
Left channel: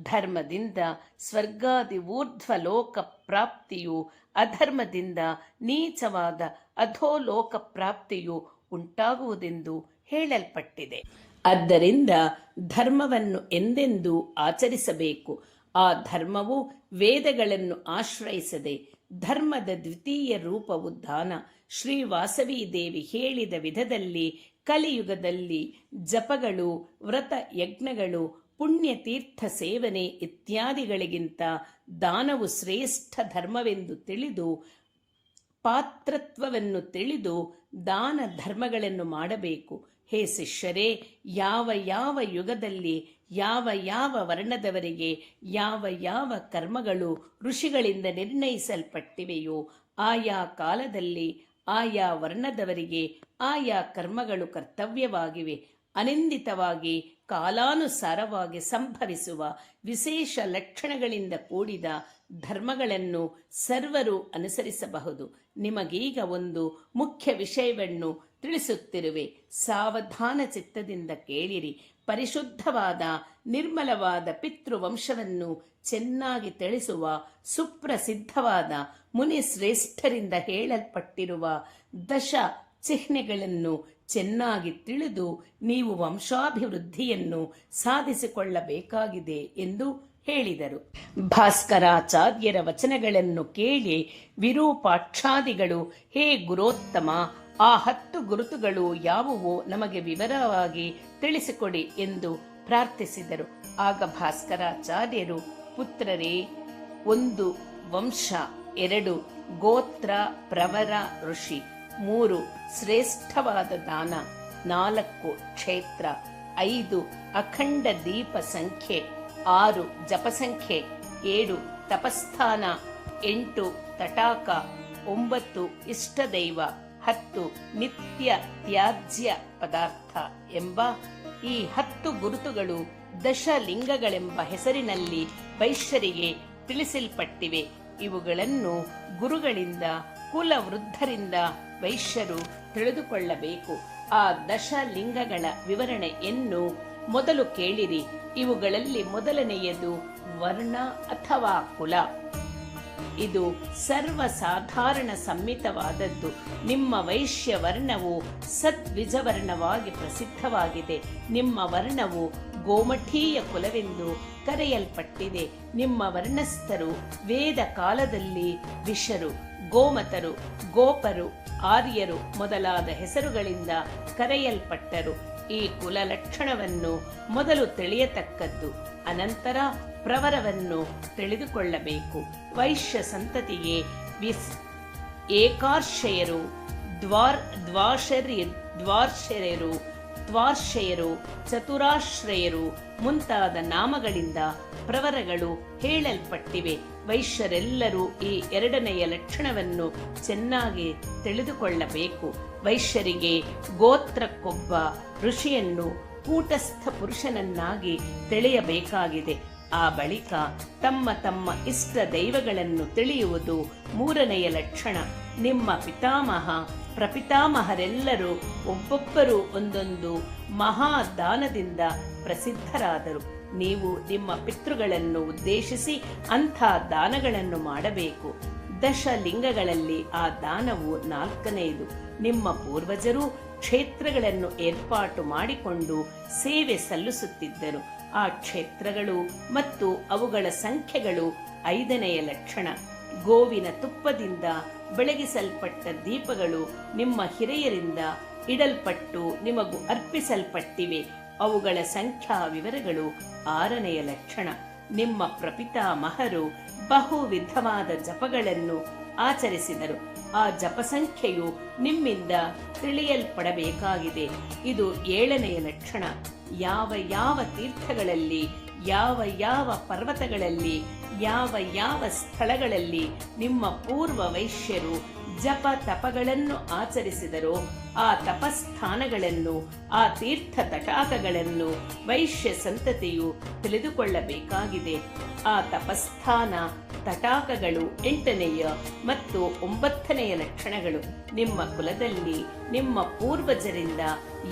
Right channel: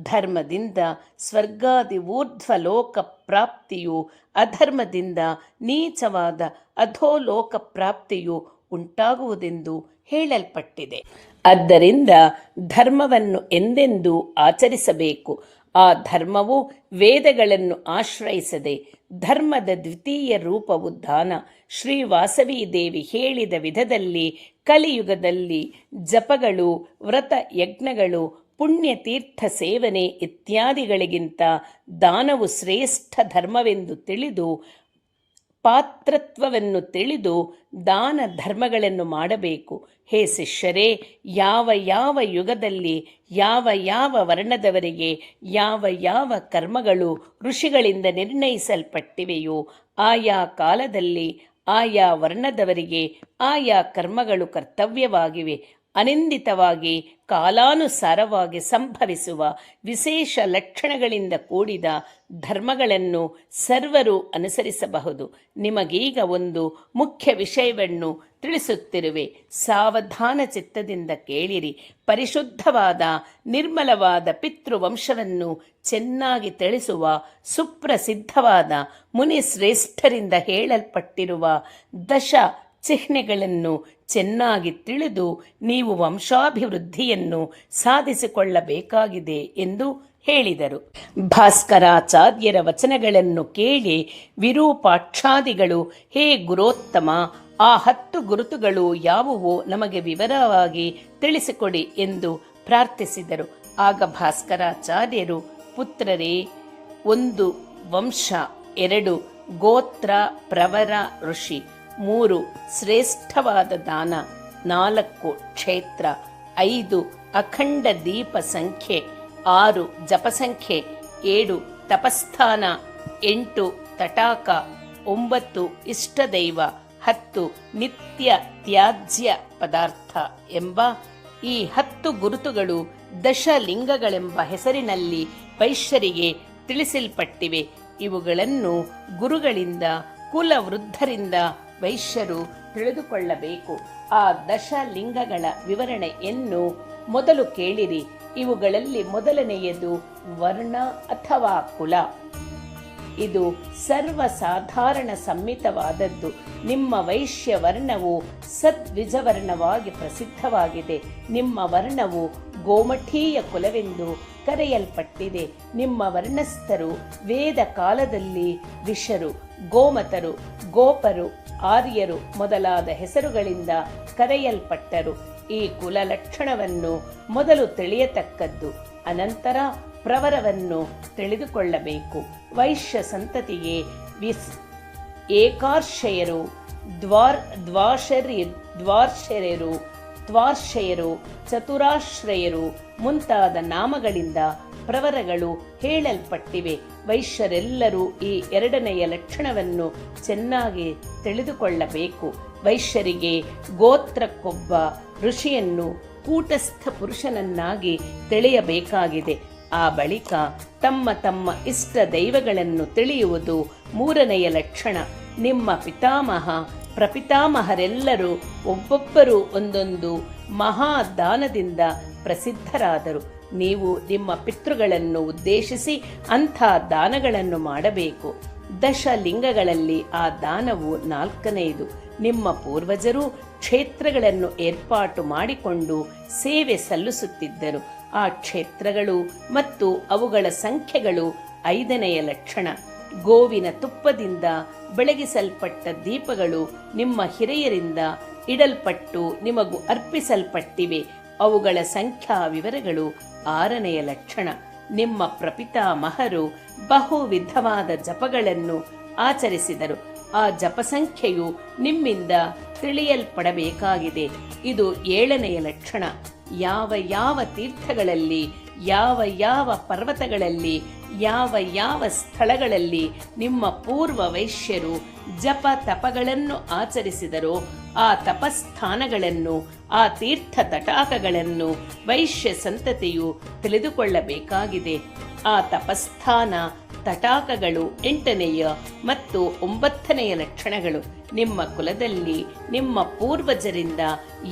ಧರ್ಮದಿಂದ ಸ್ವರ್ಗಾದಿ ಊರ್ಧ್ವ ಲೋಕ ಪ್ರಾಪ್ತಿಯು, ಅಧರ್ಮದಿಂದ ನೀಚವಾದ ಅಧೋಲೋಕ ಪ್ರಾಪ್ತಿಯು ಉಂಟಾಗುವುದೆಂದು ಹೇಳಲ್ಪಟ್ಟಿದೆ. ಆದ್ದರಿಂದ ಧರ್ಮವನ್ನು ಎಂದೆಂದೂ ಆಚರಿಸಬೇಕು. ಆ ಧರ್ಮವು ವೇದಗಳನ್ನು ಆಶ್ರಯಿಸದೆ, ಧರ್ಮದ ದ್ವಿತೀಯ ರೂಪವು ದಾನ. ಶ್ರೀ ವಾಸವಿ ದೇವಿ ಹೇಳಿದ ವಿಧದಲ್ಲಿ ಕಲಿಯುಗದಲ್ಲಿ ಜಪಗಳು, ವ್ರತ ಯಜ್ಞಗಳು, ಪುಣ್ಯತೀರ್ಥ ಸೇವನೆ ಇತ್ಯಾದಿಗಳಿಗಿಂತ ದಾನವು ಶ್ರೇಷ್ಠ ಧರ್ಮವೆಂದು ತಿಳಿದು ಪಾತ್ರತ್ವವನ್ನು ತಿಳಿದು ದಾನ ಧರ್ಮಗಳನ್ನು ಮಾಡಬೇಕು. ಹೇ ಶಿಷ್ಯರೇ, ಯಾವ ಯಾವ ಯುಗದಲ್ಲಿ ಯಾವ ಯಾವ ವರ್ಣದವರಿಗೆ ಯಾವ ಯಾವ ಕರ್ಮಗಳು ಋಷಿಗಳಿಂದ ನಿರ್ಣಯಿಸಲ್ಪಟ್ಟಿವೆಯೋ ಆಯಾ ಕಾಲದಲ್ಲಿ ಆಯಾ ವರ್ಣದವರಿಗೆ ಆಯಾ ಕರ್ಮಗಳು ಕರ್ತವ್ಯವಾಗಿವೆ. ಅನಿಂದಿತವಾಗಿ ಕಾಲಾನುಸಾರವಾಗಿ ಸಂಭವಿಸುವ ವಿಶೇಷ ಲಕ್ಷಣಗಳಿಂದ ಕೂಡಿದ ಧರ್ಮಗಳನ್ನು ಸರ್ವರು ಅನುಸರಿಸಬಹುದು. ನಿಮಗೀಗ ಒಂದು ಮುಖ್ಯ ವಿಷಯವನ್ನು ತಿಳಿಸುತ್ತಿರುವೆ. ಸಾವಧಾನ ಚಿತ್ತದಿಂದ ಕೇಳಿರಿ. ಪರಿಶುದ್ಧವಾದ ನಿರ್ಮಲವಾದ ಪಿತೃವಂಶವನ್ನು ಚೆನ್ನಾಗಿ ತಿಳಿಸುವ ಸುಪ್ರಸಿದ್ಧವಾದ ಮುನಿಶ್ರೇಷ್ಠರಿಂದ ಹೇಳಲ್ಪಟ್ಟಿರುವ ದಶ ಚಿಹ್ನೆಗಳನ್ನು ಚೆನ್ನಾಗಿ ತಿಳಿದು ನೀವು ವಂಶಾಭಿವೃದ್ಧಿಯನ್ನು ಸಾಧಿಸಿಕೊಳ್ಳಬೇಕಾಗಿದೆ ಎಂದು ಹೇಳಿದರು. ಭಾಸ್ಕರಾಚಾರ್ಯರ ವಚನಗಳನ್ನು ಕೇಳಿ ವಿರೂಪಾಕ್ಷಾದಿಗಳು, ಹೇ ಗುರೋತ್ತಮ, ಆ 10 ಗುರುತುಗಳು ಯಾವುವೋ ನಮಗೆ ವಿವರವಾಗಿ ತಿಳಿಸಿಕೊಡಿ ಎಂದು ಪ್ರಾರ್ಥಿಸಿದರು. ಆಗ ಭಾಸ್ಕರಾಚಾರ್ಯರು, ಪುತ್ರರೇ, 1 ವಂಶ, 2 ಗೋತ್ರ ಪ್ರವರ ಋಷಿ, 3 ಶ್ರೇಷ್ಠವಾದ ದಾನ, 4 ಕ್ಷೇತ್ರ, 5 ಅಖಂಡ ದೀಪ ಸಂಖ್ಯೆ, 6 ಜಪಸಂಖ್ಯೆ, 7 ತಪಸ್ಥಾನ, 8 ತಟಾಕ, 9 ಇಷ್ಟದೈವ, 10 ನಿತ್ಯ ತ್ಯಾಜ್ಯ ಪದಾರ್ಥ ಎಂಬ ಈ 10 ಗುರುತುಗಳು ದಶಲಿಂಗಗಳೆಂಬ ಹೆಸರಿನಲ್ಲಿ ವೈಶ್ಯರಿಗೆ ತಿಳಿಸಲ್ಪಟ್ಟಿವೆ. ಇವುಗಳನ್ನು ಗುರುಗಳಿಂದ ಕುಲವೃದ್ಧರಿಂದ ವೈಶ್ಯರು ತಿಳಿದುಕೊಳ್ಳಬೇಕು. ಆ ದಶಲಿಂಗಗಳ ವಿವರಣೆಯನ್ನು ಮೊದಲು ಕೇಳಿರಿ. ಇವುಗಳಲ್ಲಿ ಮೊದಲನೆಯದು ವರ್ಣ ಅಥವಾ ಕುಲ. ಇದು ಸರ್ವಸಾಧಾರಣ ಸಮ್ಮಿತವಾದದ್ದು. ನಿಮ್ಮ ವೈಶ್ಯ ವರ್ಣವು ಸದ್ವಿಜವರ್ಣವಾಗಿ ಪ್ರಸಿದ್ಧವಾಗಿದೆ. ನಿಮ್ಮ ವರ್ಣವು ಗೋಮಠೀಯ ಕುಲವೆಂದು ಕರೆಯಲ್ಪಟ್ಟಿದೆ. ನಿಮ್ಮ ವರ್ಣಸ್ಥರು ವೇದ ಕಾಲದಲ್ಲಿ ಋಷರು, ಗೋಮತರು, ಗೋಪರು, ಆರ್ಯರು ಮೊದಲಾದ ಹೆಸರುಗಳಿಂದ ಕರೆಯಲ್ಪಟ್ಟರು. ಈ ಕುಲ ಲಕ್ಷಣವನ್ನು ಮೊದಲು ತಿಳಿಯತಕ್ಕದ್ದು. ಅನಂತರ ಪ್ರವರವನ್ನು ತಿಳಿದುಕೊಳ್ಳಬೇಕು. ವೈಶ್ಯ ಸಂತತಿಗೆ ಏಕಾರ್ಷಯರು, ದ್ವಾರ್ಷಯರು, ಚತುರಾಶ್ರಯರು ಮುಂತಾದ ನಾಮಗಳಿಂದ ಪ್ರವರಗಳು ಹೇಳಲ್ಪಟ್ಟಿವೆ. ವೈಶ್ಯರೆಲ್ಲರೂ ಈ 2ನೆಯ ಲಕ್ಷಣವನ್ನು ಚೆನ್ನಾಗಿ ತಿಳಿದುಕೊಳ್ಳಬೇಕು. ವೈಶ್ಯರಿಗೆ ಗೋತ್ರಕ್ಕೊಬ್ಬ ಋಷಿಯನ್ನು ಕೂಟಸ್ಥ ಪುರುಷನನ್ನಾಗಿ ತಿಳಿಯಬೇಕಾಗಿದೆ. ಆ ಬಳಿಕ ತಮ್ಮ ತಮ್ಮ ಇಷ್ಟ ದೈವಗಳನ್ನು ತಿಳಿಯುವುದು 3ನೆಯ ಲಕ್ಷಣ. ನಿಮ್ಮ ಪಿತಾಮಹ ಪ್ರಪಿತಾಮಹರೆಲ್ಲರೂ ಒಬ್ಬೊಬ್ಬರು ಒಂದೊಂದು ಮಹಾದಾನದಿಂದ ಪ್ರಸಿದ್ಧರಾದರು. ನೀವು ನಿಮ್ಮ ಪಿತೃಗಳನ್ನು ಉದ್ದೇಶಿಸಿ ಅಂಥ ದಾನಗಳನ್ನು ಮಾಡಬೇಕು. ದಶಲಿಂಗಗಳಲ್ಲಿ ಆ ದಾನವು 4ನೆಯದು. ನಿಮ್ಮ ಪೂರ್ವಜರು ಕ್ಷೇತ್ರಗಳನ್ನು ಏರ್ಪಾಟು ಮಾಡಿಕೊಂಡು ಸೇವೆ ಸಲ್ಲಿಸುತ್ತಿದ್ದರು. ಆ ಕ್ಷೇತ್ರಗಳು ಮತ್ತು ಅವುಗಳ ಸಂಖ್ಯೆಗಳು 5ನೆಯ ಲಕ್ಷಣ. ಗೋವಿನ ತುಪ್ಪದಿಂದ ಬೆಳಗಿಸಲ್ಪಟ್ಟ ದೀಪಗಳು ನಿಮ್ಮ ಹಿರಿಯರಿಂದ ಇಡಲ್ಪಟ್ಟು ನಿಮಗೂ ಅರ್ಪಿಸಲ್ಪಟ್ಟಿವೆ. ಅವುಗಳ ಸಂಖ್ಯಾ ವಿವರಗಳು 6ನೆಯ ಲಕ್ಷಣ. ನಿಮ್ಮ ಪ್ರಪಿತಾಮಹರು ಬಹು ವಿಧವಾದ ಜಪಗಳನ್ನು ಆಚರಿಸಿದರು. ಆ ಜಪಸಂಖ್ಯೆಯು ನಿಮ್ಮಿಂದ ತಿಳಿಯಲ್ಪಡಬೇಕಾಗಿದೆ. ಇದು 7ನೆಯ ಲಕ್ಷಣ. ಯಾವ ಯಾವ ತೀರ್ಥಗಳಲ್ಲಿ, ಯಾವ ಯಾವ ಪರ್ವತಗಳಲ್ಲಿ, ಯಾವ ಯಾವ ಸ್ಥಳಗಳಲ್ಲಿ ನಿಮ್ಮ ಪೂರ್ವ ವೈಶ್ಯರು ಜಪ ತಪಗಳನ್ನು ಆಚರಿಸಿದರೋ ಆ ತಪಸ್ಥಾನಗಳನ್ನು, ಆ ತೀರ್ಥ ತಟಾಕಗಳನ್ನು ವೈಶ್ಯ ಸಂತತಿಯು ತಿಳಿದುಕೊಳ್ಳಬೇಕಾಗಿದೆ. ಆ ತಪಸ್ಥಾನ ತಟಾಕಗಳು 8ನೆಯ ಮತ್ತು 9ನೆಯ ಲಕ್ಷಣಗಳು. ನಿಮ್ಮ ಕುಲದಲ್ಲಿ ನಿಮ್ಮ ಪೂರ್ವಜರಿಂದ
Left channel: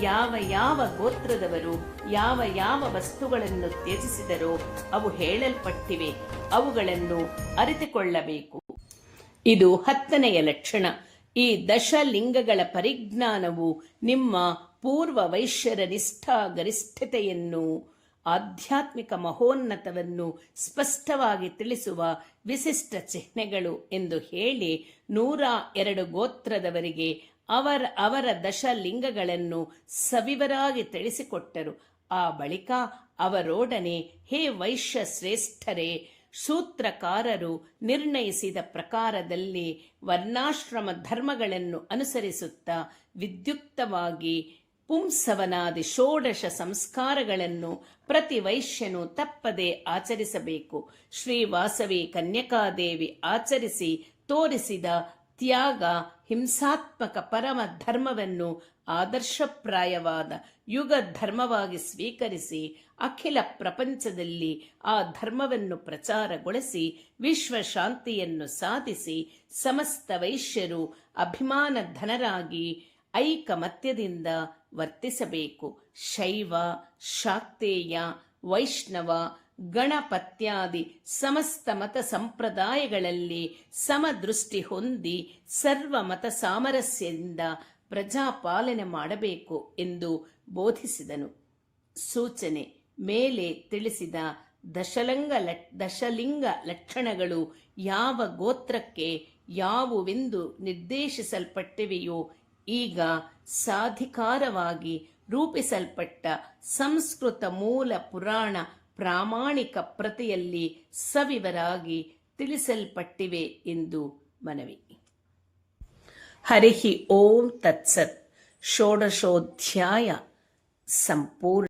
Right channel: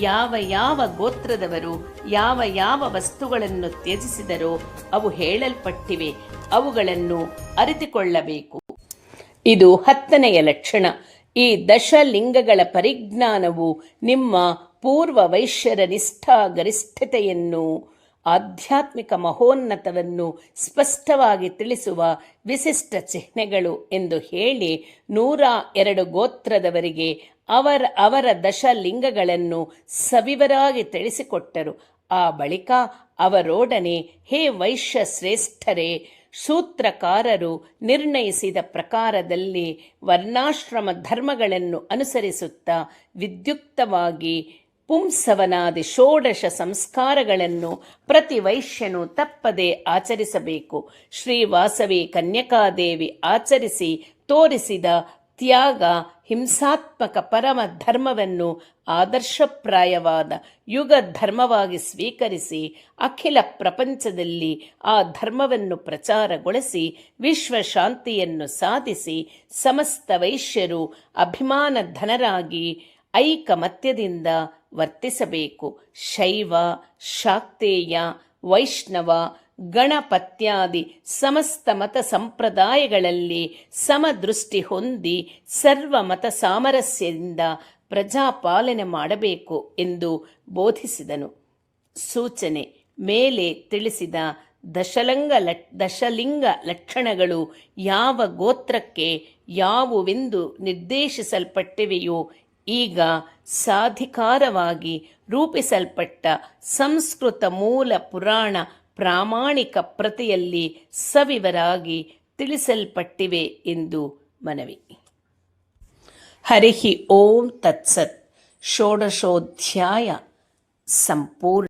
ಯಾವ ಯಾವ ಗೋತ್ರದವರು ಯಾವ ಯಾವ ವಸ್ತುಗಳನ್ನು ತ್ಯಜಿಸಿದರೋ ಅವು ಹೇಳಲ್ಪಟ್ಟಿವೆ. ಅವುಗಳನ್ನು ಅರಿತುಕೊಳ್ಳಬೇಕು. ಇದು 10ನೆಯ ಲಕ್ಷಣ. ಈ ದಶಲಿಂಗಗಳ ಪರಿಜ್ಞಾನವು ನಿಮ್ಮ ಪೂರ್ವ ವೈಶ್ಯರ ನಿಷ್ಠಾ ಗರಿಷ್ಠತೆಯನ್ನು, ಆಧ್ಯಾತ್ಮಿಕ ಮಹೋನ್ನತವನ್ನು ಸ್ಪಷ್ಟವಾಗಿ ತಿಳಿಸುವ ವಿಶಿಷ್ಟ ಚಿಹ್ನೆಗಳು ಎಂದು ಹೇಳಿ 102 ಗೋತ್ರದವರಿಗೆ ಅವರ ದಶಲಿಂಗಗಳನ್ನು ಸವಿವರಾಗಿ ತಿಳಿಸಿಕೊಟ್ಟರು. ಆ ಬಳಿಕ ಅವರೊಡನೆ, ಹೇ ವೈಶ್ಯ ಶ್ರೇಷ್ಠರೇ, ಸೂತ್ರಕಾರರು ನಿರ್ಣಯಿಸಿದ ಪ್ರಕಾರದಲ್ಲಿ ವರ್ಣಾಶ್ರಮ ಧರ್ಮಗಳನ್ನು ಅನುಸರಿಸುತ್ತಾ ವಿದ್ಯುಕ್ತವಾಗಿ ಪುಂಸವನಾದಿ ಷೋಡಶ ಸಂಸ್ಕಾರಗಳನ್ನು ಪ್ರತಿ ವೈಶ್ಯನು ತಪ್ಪದೆ ಆಚರಿಸಬೇಕು. ಶ್ರೀ ವಾಸವಿ ಕನ್ಯಕಾದೇವಿ ಆಚರಿಸಿ ತೋರಿಸಿದ ತ್ಯಾಗ ಹಿಂಸಾತ್ಮಕ ಪರಮ ಧರ್ಮವನ್ನು ಆದರ್ಶಪ್ರಾಯವಾದ ಯುಗ ಧರ್ಮವಾಗಿ ಸ್ವೀಕರಿಸಿ ಅಖಿಲ ಪ್ರಪಂಚದಲ್ಲಿ ಆ ಧರ್ಮವನ್ನು ಪ್ರಚಾರಗೊಳಿಸಿ ವಿಶ್ವಶಾಂತಿಯನ್ನು ಸಾಧಿಸಿ ಸಮಸ್ತ ವೈಶ್ಯರು ಅಭಿಮಾನಧನರಾಗಿ ಐಕಮತ್ಯದಿಂದ ವರ್ತಿಸಬೇಕು. ಶೈವ, ಶಾಕ್ತೇಯ, ವೈಷ್ಣವ, ಗಣಪತ್ಯಾದಿ ಸಮಸ್ತ ಮತ ಸಂಪ್ರದಾಯಗಳಲ್ಲಿ ಸಮದೃಷ್ಟಿ ಹೊಂದಿ ಸರ್ವ ಮತ ಸಾಮರಸ್ಯದಿಂದ ಪ್ರಜಾಪಾಲನೆ ಮಾಡಬೇಕು ಎಂದು ಬೋಧಿಸಿದನು. ಸೂಚನೆ: ಮೇಲೆ ತಿಳಿಸಿದ ದಶಲಿಂಗ ಲಕ್ಷಣಗಳು ಯಾವ ಗೋತ್ರಕ್ಕೆ ಯಾವುವೆಂದು ನಿರ್ದೇಶಿಸಲ್ಪಟ್ಟಿವೆಯೋ ಈಗ ಸಾಧಿಕಾರವಾಗಿ ರೂಪಿಸಲ್ಪಟ್ಟ ಸಂಸ್ಕೃತ ಮೂಲ ಪುರಾಣ ಪ್ರಾಮಾಣಿಕ ಪ್ರತಿಯಲ್ಲಿ ಸವಿವರಾಗಿ ತಿಳಿಸಲ್ಪಟ್ಟಿವೆ ಎಂದು ಮನವಿ. ಹರಿ ಓಂ ತತ್ಸತ್. ಷೋಡಶೋಧ್ಯಾಯ ಸಂಪೂರ್ಣ.